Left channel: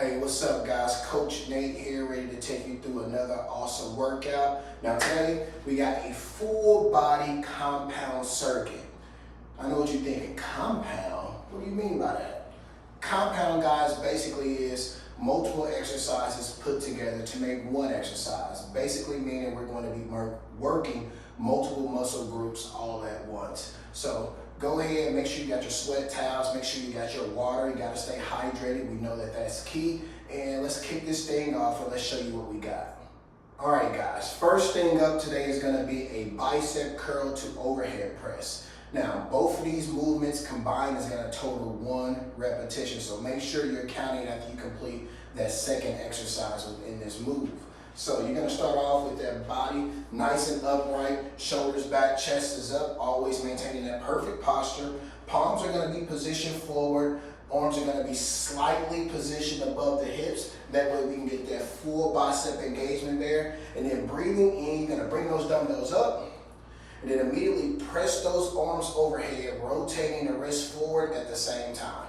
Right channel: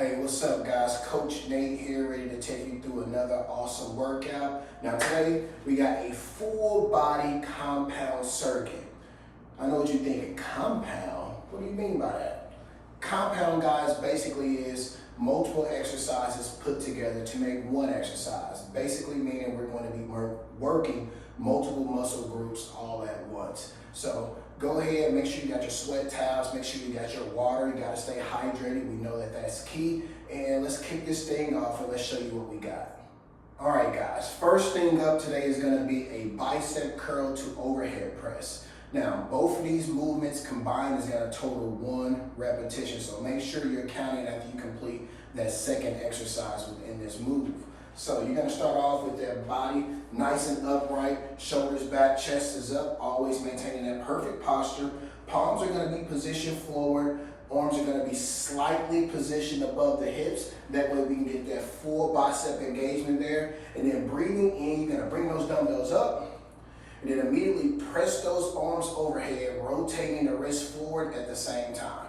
Hey, what's up guys? Coach Nate here, ready to take you through another awesome workout. Now today, we got a full body compound circuit. I know what you're thinking, compound? What do you mean by that? Compound, guys, basically is multiple exercises put together to make one exercise. Basically meaning we're going to be working multiple muscle groups all at once. So go ahead, make sure you got your sweat towels, make sure you got your water, you got to stay hydrated. We know that that's key. And let's kick this thing off and let's show you what we got. All right, guys, first thing up today is going to be a bicep curl to overhead press. Now, both of these movements combined is going to total 1 repetition. So make sure you're counting after you complete that second exercise within this move. So you're going to start off with that body nice and upright, shoulders back, chest is up, always maintaining that perfect posture. Palms are going to be positioned forward. Arms are going to be slightly positioned above the hips. That way we can get that full bicep engagement there. And then breathing in, you're going to bring those dumbbells up. And then immediately press those arms overhead, rotating the wrist forward at the same time.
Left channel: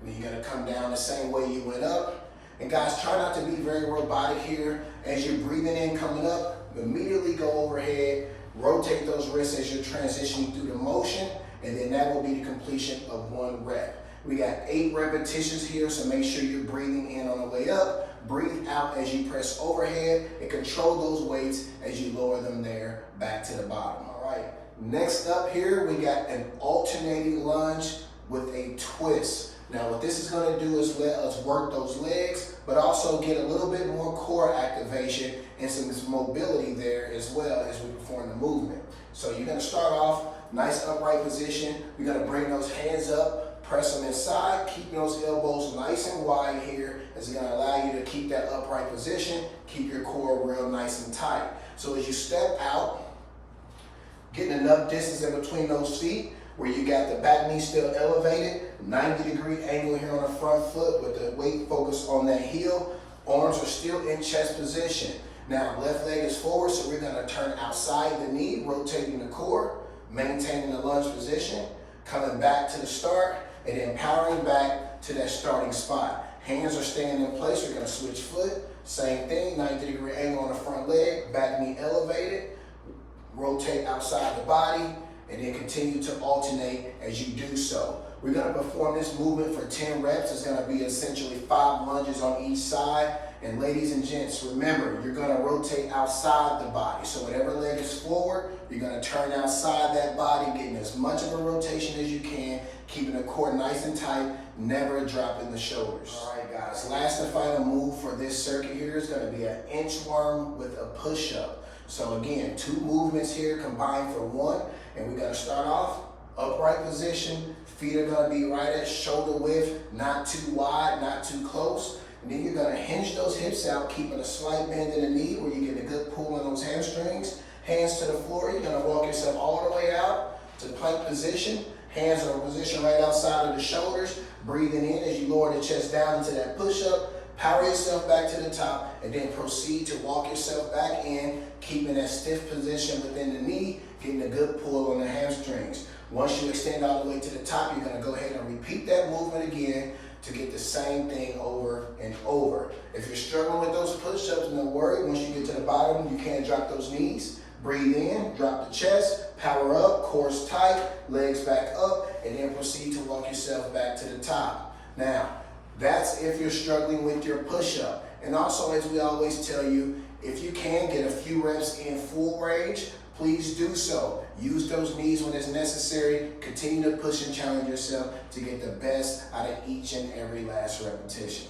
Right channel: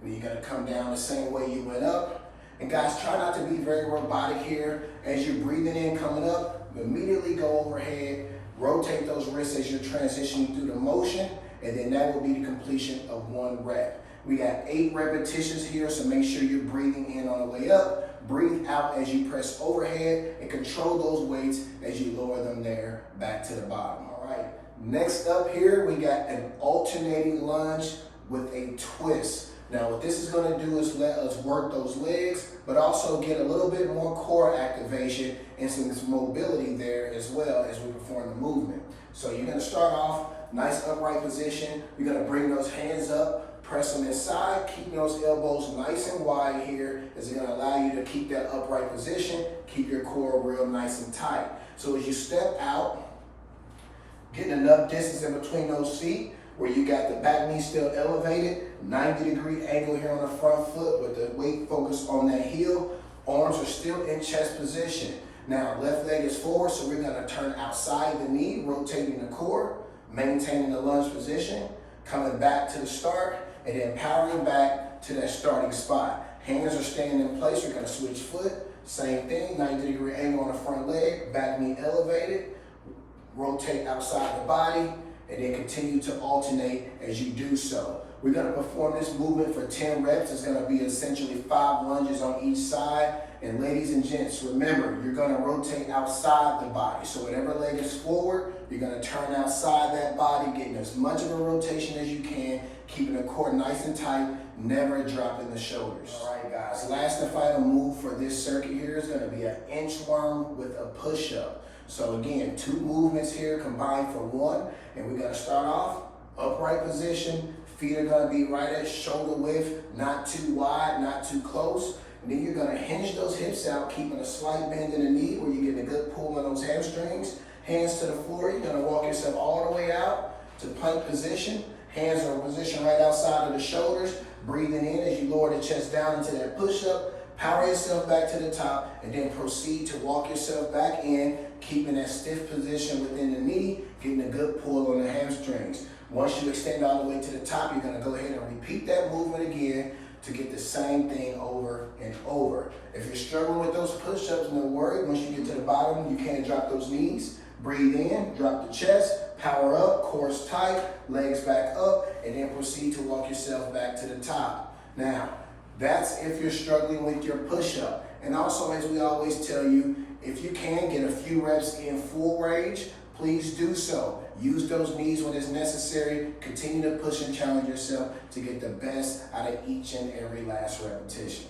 And then you're going to come down the same way you went up. And guys, try not to be very robotic here. As you're breathing in, coming up, immediately go overhead, rotate those wrists as you're transitioning through the motion, and then that will be the completion of 1 rep. We got 8 repetitions here, so make sure you're breathing in on the way up. Breathe out as you press overhead and control those weights as you lower them there back to the bottom. All right, next up here, we got an alternating lunge with a twist. Now what this is going to do is let us work those legs, but also get a little bit more core activation and some mobility there as well as we perform the movement. So you're going to start off nice upright position. We're going to bring those hands up, press them inside, keeping those elbows nice and wide here. Is going to allow you to keep that upright position, keep your core real nice and tight. So as you step out, getting enough distance in between those feet, where you got the back knee still elevated, 90-degree angle here on the front foot with the weight focused on that heel. Arms are still in chest position. Now, left leg is forward, so we're gonna turn outside the knee, rotating the core, maintaining the lunge position, coming back to the start, and then powering back to that starting spot. Hands are staying in place, we're gonna switch foot. Same thing, 90-degree angle on the front leg, back knee elevated, rotate outside the body, and then continue to alternate as you do so. We're going to perform this movement for 10 reps. It's going to be essentially 5 lunges on each side. And ladies and gents, remember, you're going to rotate outside the body. So whatever leg is forward, you're going to turn outside that body, getting as much of a rotation as you can, keeping the core nice and tight, never dropping the shoulders. All right, guys, last and final move for this circuit here is going to be an inchworm with a push-up. So again, 2 movements here combined for 1, and we're gonna start off upright position. Feet are gonna be right at shoulder width, not too wide, not too close. And then you're gonna hinge those hips out, keeping a slight bend in the knee where you're getting a good pull on those hamstrings. Hands to the floor, you're gonna walk yourself all the way out to plank position. Hands are positioned right outside of the shoulders. Breathing in as you lower the chest down into that push-up. Power yourself back to the top and then proceed to walk yourself back in, keeping that stiff position within the knee, getting a good pull on the hamstrings. Once you extend all the way to the top, you're going to go ahead and repeat that movement again to get the same thing over and over. If you're struggling with those push-ups, no worry. Once you get to the bottom, you can't drop those knees. Breathe in, drop the chest, power up, core's tight, legs back up, and then proceed to walk yourself back to the top. Now, that's if you're struggling with your push-up. And also, as we always tell you, if you can get a few reps in full range, please do so. Use those knees when it's necessary. Continue to push and challenge yourself to get the best out of each and every last repetition.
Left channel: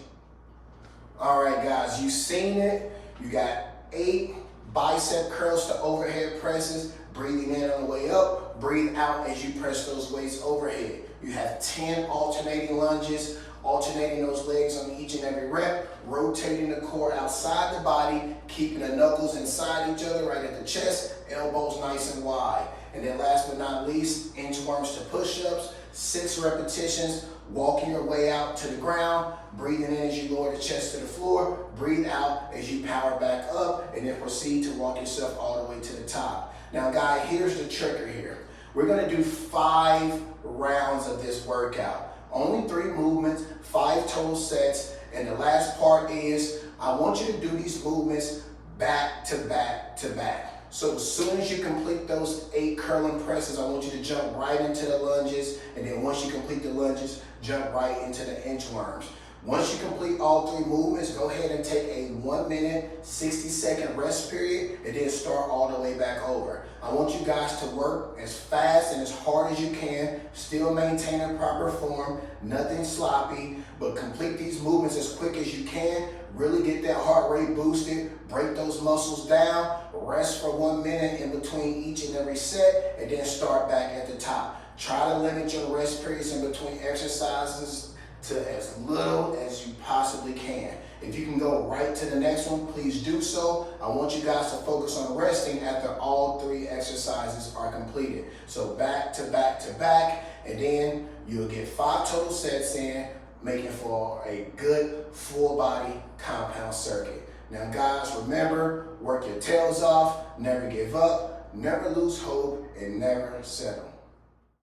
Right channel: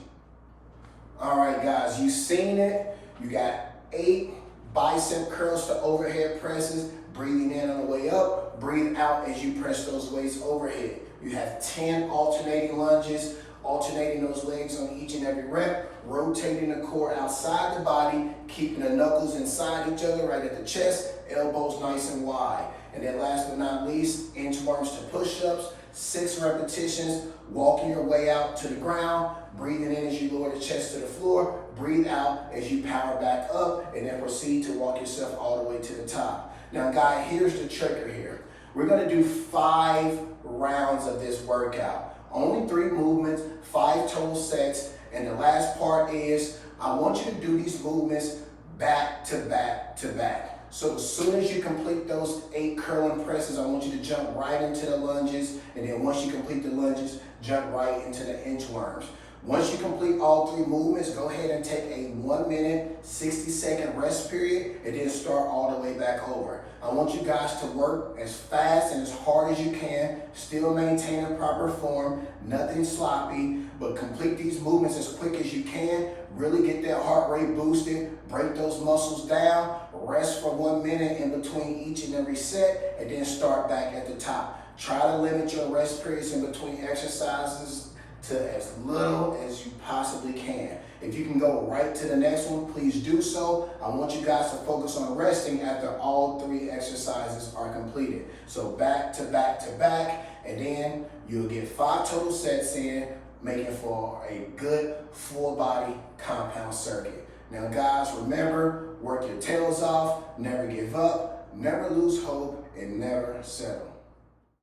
All right, guys, you've seen it. You got 8 bicep curls to overhead presses. Breathing in on the way up. Breathe out as you press those weights overhead. You have 10 alternating lunges. Alternating those legs on each and every rep, rotating the core outside the body, keeping the knuckles inside each other right at the chest, elbows nice and wide. And then last but not least, inchworms to push-ups, 6 repetitions, walking your way out to the ground, breathing in as you lower the chest to the floor, breathe out as you power back up, and then proceed to walk yourself all the way to the top. Now, guys, here's the trigger here. We're gonna do 5 rounds of this workout. Only 3 movements, 5 total sets. And the last part is, I want you to do these movements back to back to back. So as soon as you complete those 8 curling presses, I want you to jump right into the lunges. And then once you complete the lunges, jump right into the inchworms. Once you complete all 3 movements, go ahead and take a 1 minute, 60-second rest period, and then start all the way back over. I want you guys to work as fast and as hard as you can, still maintaining proper form, nothing sloppy, but complete these movements as quick as you can. Really get that heart rate boosted, break those muscles down, rest for 1 minute in between each and every set, and then start back at the top. Try to limit your rest periods in between exercises to as little as you possibly can. If you can go right to the next one, please do so. I want you guys to focus on resting after all 3 exercises are completed. So back to back to back, and then you'll get 5 total sets in, making for a good full body compound circuit. Now guys, remember, work your tails off, never give up, never lose hope, and never settle.